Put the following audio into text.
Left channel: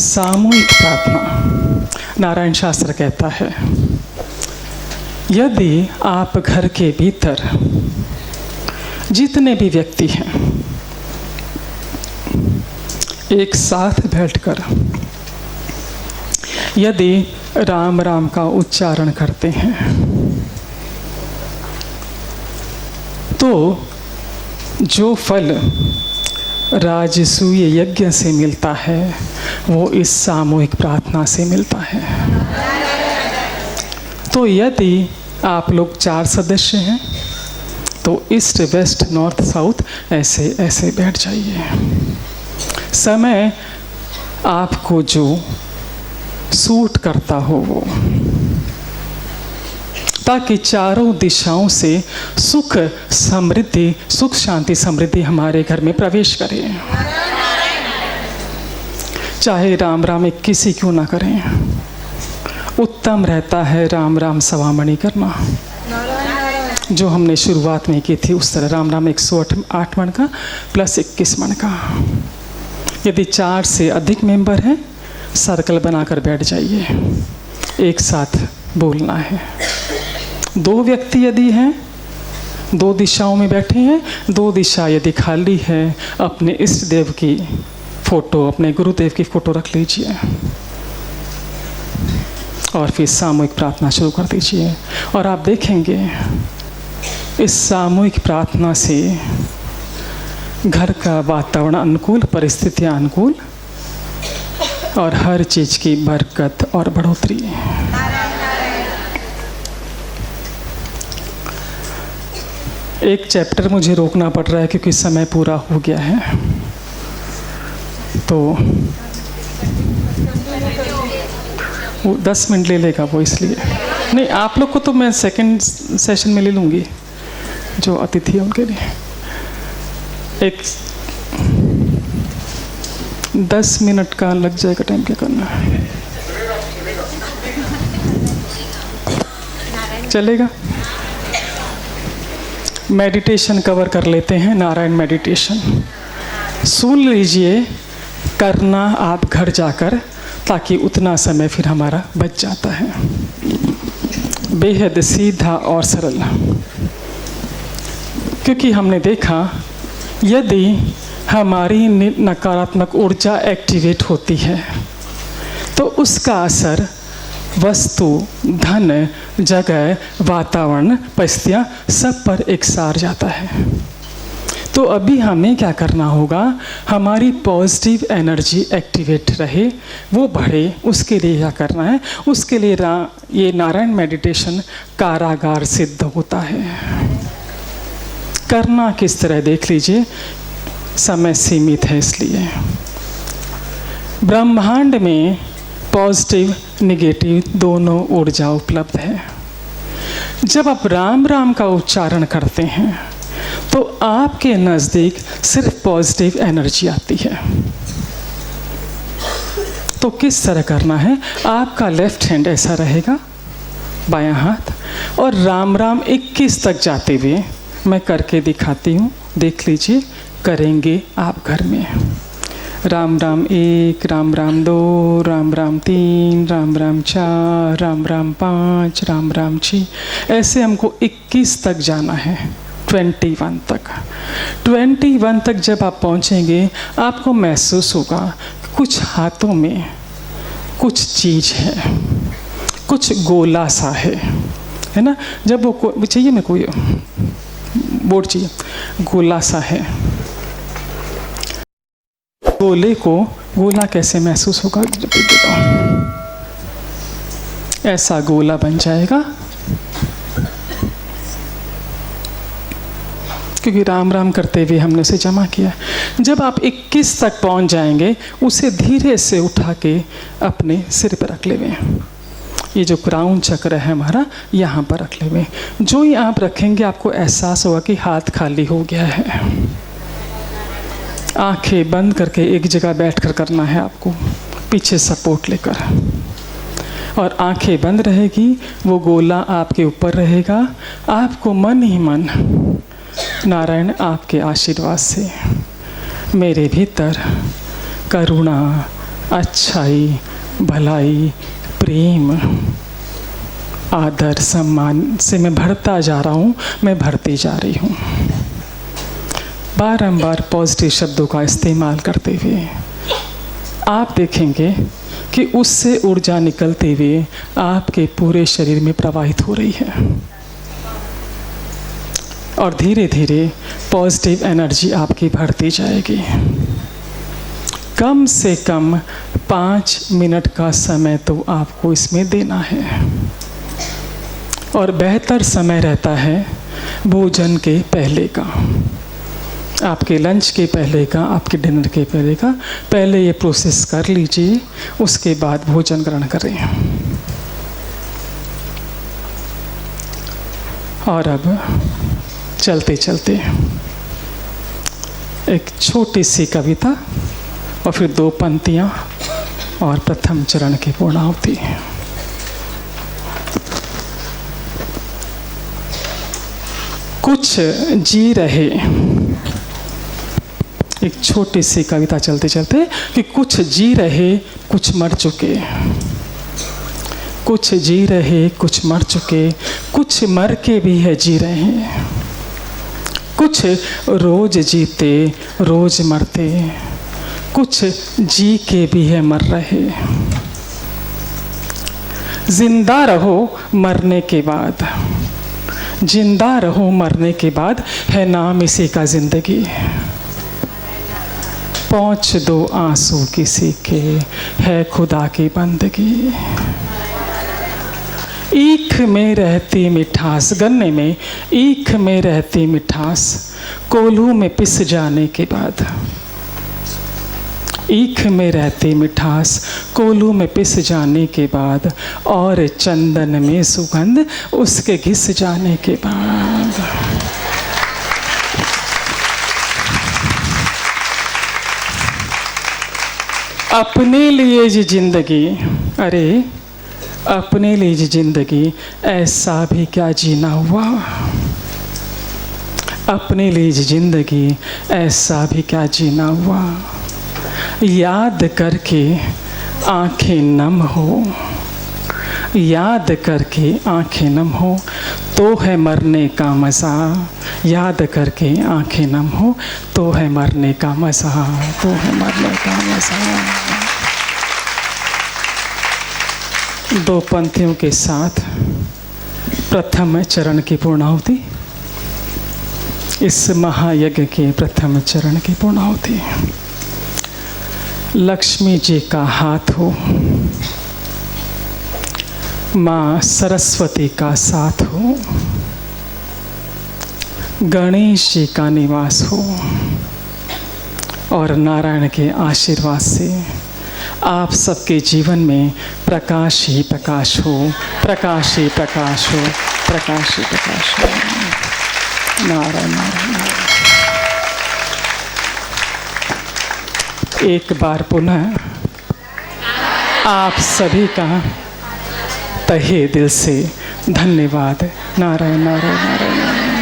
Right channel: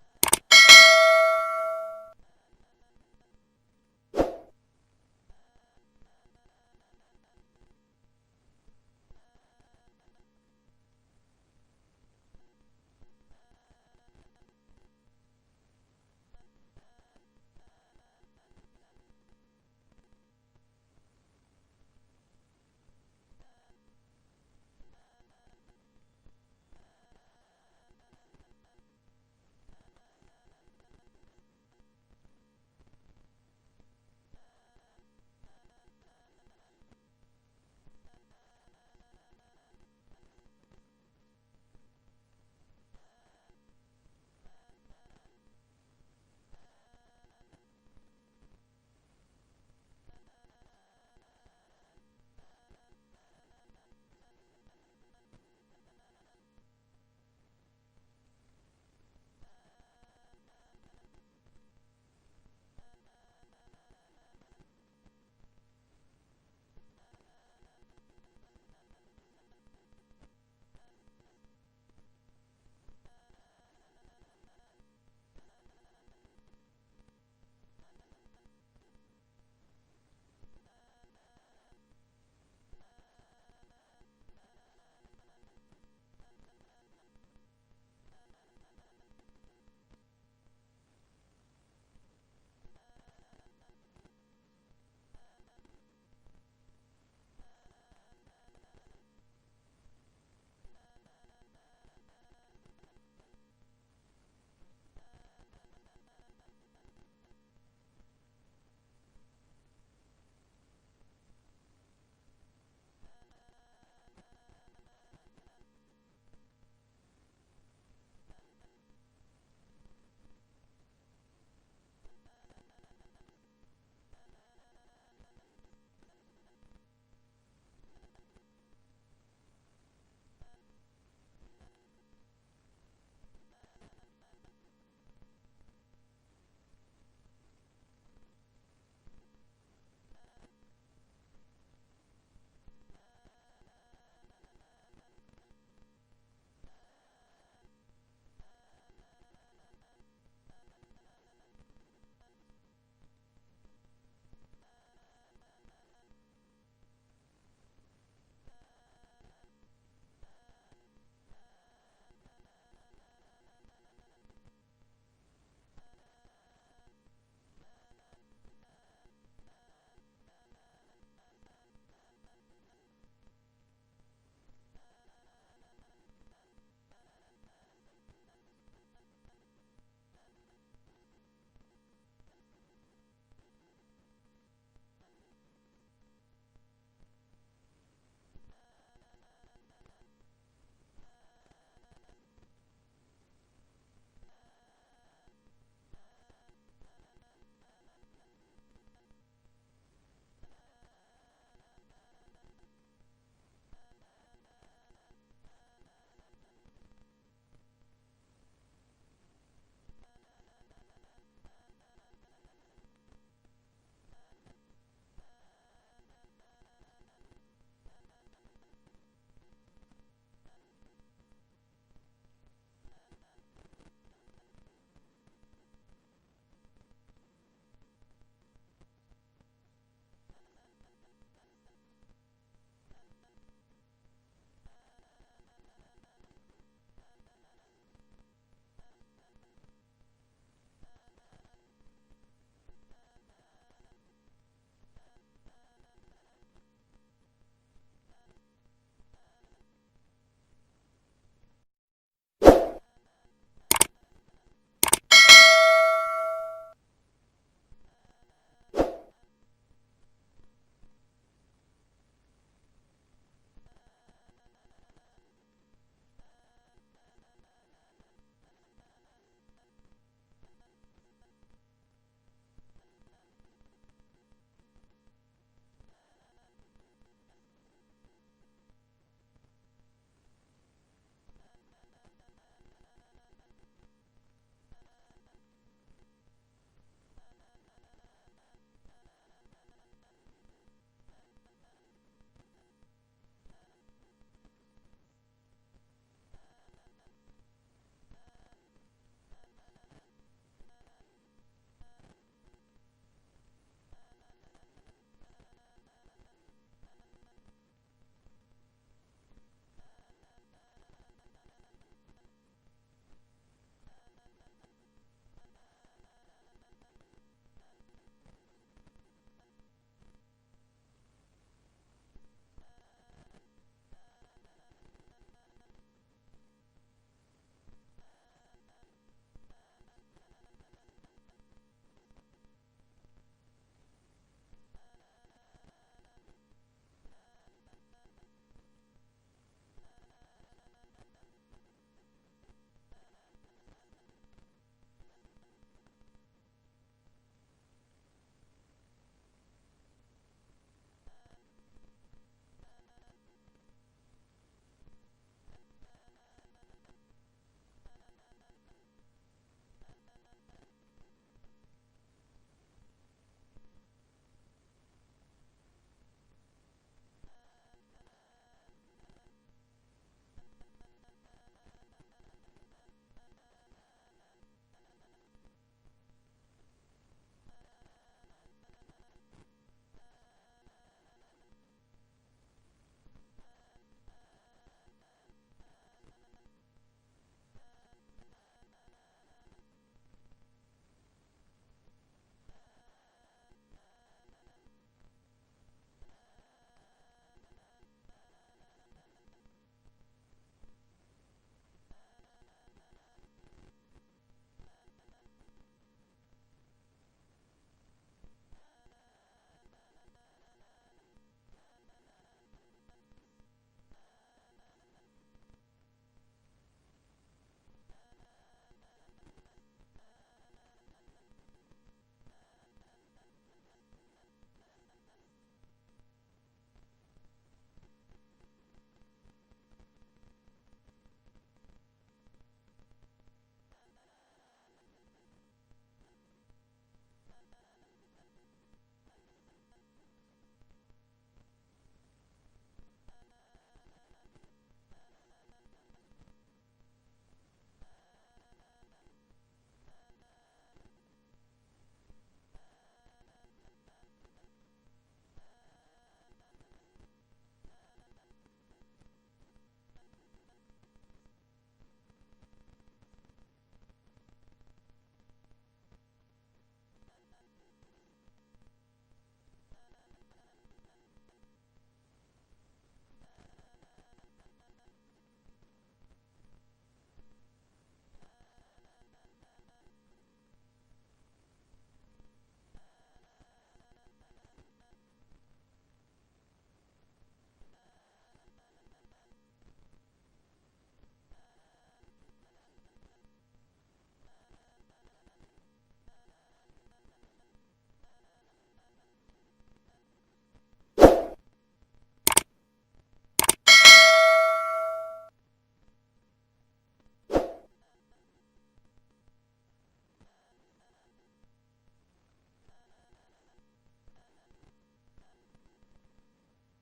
सामूहिक प्रार्थना। नारायण शास्त्र कहता है, यदि आप घर के भीतर जितने भी व्यक्ति हैं एक साथ बैठकर यदि राम राम का उच्चारण करते हैं तो जो फल राजसूय यज्ञ से मिलता है वो इस सामूहिक प्रार्थना से मिलता है। तो यदि आप लोग 4 सदस्य हैं तो ईस्ट वेस्ट नॉर्थ साउथ ऐसे ऐसे बैठ जाइए। समय आपको जो सूट करता हो वो, ताकि चारों दिशाओं से सुख समृद्धि, सुख शांति समृद्धि हमारे घर में प्रवेश करे। चाहे राम राम 21 ही क्यों ना करें, उत्तम रहता है राम राम सवामणि करना, जो हमने शुरुआत में की थी उस तरह राम राम 108 मन का प्लस 21 मन का। यदि 4 से अधिक मेंबर हैं सर्कल बनाकर बैठ जाइए, एक साथ बोलना है। 2 व्यक्ति यदि हैं 2 दिशाओं में बैठे हैं, 2 दिशा यदि खाली है, अपने इष्ट देव की फोटो, अपने गुरुदेव की फोटो रख लीजिए और फिर सामूहिक प्रार्थना शुरू कर दीजिए। और आप देखेंगे इस सामूहिक प्रार्थना से घर का वातावरण अनुकूल, परिस्थितियां अनुकूल और हर चीज की बरकत और बढ़ोतरी। एक चैप्टर मुझे रोकना पड़ रहा है क्योंकि समय पूरा हो गया है, तो वो 10 मिनट ले लेगा वो, इसलिए नहीं। आप लोग को तो मैं सेकंड सेशन में ले लूँगी, जो अतिथि है उनके लिए। एक 10 मिनट का लग जाएगा टाइम, क्या करना है? चलेगा? मेडिटेशन कवर कर लेते हैं। नारायण मेडिटेशन सुन लीजिए, करना आप घर जाकर, ताकि उतना समय फिर हमारा बच जाता है। बेहद सीधा और सरल, क्योंकि हमने देखा यदि हमारी नकारात्मक ऊर्जा एक्टिवेट होती है तो उसका असर वस्तु, धन, जगह, वातावरण, परिस्थितियाँ सब पर एकसार जाता है। तो अभी हमें क्या करना होगा, हमारी पॉजिटिव एनर्जी एक्टिवेट रहे, वो बढ़े, उसके लिए क्या करना है? उसके लिए ये नारायण मेडिटेशन कारागार सिद्ध होता है। करना किस तरह देख लीजिए, समय सीमित है इसलिए। ब्रह्मांड में पॉजिटिव निगेटिव दोनों ऊर्जा उपलब्ध है। जब आप राम राम का उच्चारण करते हैं तो आपके नज़दीक सिर्फ पॉजिटिव एनर्जी आती है। तो किस तरह करना है? आपका लेफ्ट हैंड ऐसा रहेगा, बायां हाथ, और राम राम 21 तक जाते हुए मैं करके दिखाती हूँ, देख लीजिए। करेंगे आप घर में। राम राम 1, राम राम 2, राम राम 3, राम राम 4, राम राम 5, राम राम 6, ऐसे हमको 21 तक जाना है, 21 तक। 21 तक जब आप पहुँचेंगे आपको महसूस होगा कुछ हाथों में कुछ चीज़ है, कुछ गोला सा है ना? जब वो चाहिए, मैं कोई बोर्ड चाहिए, गोला सा है। गोले को गोला कैसे महसूस होगा? ऐसा गोला बन जाएगा, क्योंकि राम राम करते हुए हमने उसे जमा किया। जब आप 21 तक पहुंच जाएंगे, उसे धीरे से उठा के अपने सिर पर रख लेंगे। ये जो क्राउन चक्र है हमारा, यहाँ पर रख लेंगे। जो ही आप रखेंगे आपको एहसास होगा कि हाथ खाली हो गया है। आंखें बंद करके एक जगह बैठकर करना है आपको, पीछे सपोर्ट लेकर, और आंखें बंद रहेगी। वो गोला आपके ऊपर रहेगा। आपको मन ही मन नारायण आपके आशीर्वाद से मेरे भीतर करुणा, अच्छाई, भलाई, प्रेम, आदर, सम्मान से मैं भरता जा रहा हूँ, मैं भरती जा रही हूँ। बारंबार पॉजिटिव शब्दों का इस्तेमाल करते हुए आप देखेंगे कि उससे ऊर्जा निकलते हुए आपके पूरे शरीर में प्रवाहित हो रही है और धीरे धीरे पॉजिटिव एनर्जी आपकी बढ़ती जाएगी। कम से कम 5 मिनट का समय तो आपको इसमें देना है और बेहतर समय रहता है भोजन के पहले का, आपके लंच के पहले का, आपके डिनर के पहले का। पहले ये प्रोसेस कर लीजिए, उसके बाद भोजन ग्रहण करें। और अब चलते चलते एक छोटी सी कविता और फिर 2 पंक्तियाँ और प्रथम चरण की पूर्णाहुति। कुछ जी रहे, एक छोटी सी कविता चलते चलते कि कुछ जी रहे कुछ मर चुके, कुछ जी रहे कुछ मर चुके, कुछ मर के भी है जी रहे हैं, कुछ रोज जीते रोज मरते, कुछ जी के भी है मर रहे। जिंदा रहो मरने के बाद, जिंदा रहो मरने के बाद, है नाम इसी का जिंदगी। पहुँच दो आंसू किसी के, है खुदा की बंदगी। ईख में रहती मिठास, गन्ने में ईख में रहती मिठास, कोल्हू में पिस जाने के बाद। ईख में रहती मिठास, कोल्हू में पिस जाने के बाद, और चंदन में सुगंध उसके घिस जाने के बाद। अपने लिए जी जिंदगी, अरे अपने लिए जी जिंदगी, ऐसा भी क्या जीना हुआ। अपने लिए जी जिंदगी, ऐसा भी क्या जीना हुआ। याद करके आंखें नम हो, याद करके आंखें नम हो, तो है मरने का मज़ा। याद करके आंखें नम हो, तो है मरने का मज़ा, तो है मरने का मज़ा। 2 पंक्तियों के साथ प्रथम चरण की पूर्णाहुति, इस महायज्ञ के प्रथम चरण की पूर्णाहुति। लक्ष्मी जी का हाथ हो, माँ सरस्वती का साथ हो, गणेश जी का निवास हो, और नारायण के आशीर्वाद से आप सबके जीवन में प्रकाश ही प्रकाश हो, प्रकाश ही प्रकाश हो, प्रकाश ही प्रकाश हो। नारायण नारायण नारायण। एक बार पुनः आप सभी का तहे दिल से धन्यवाद। नारायण नारायण नारायण नारायण।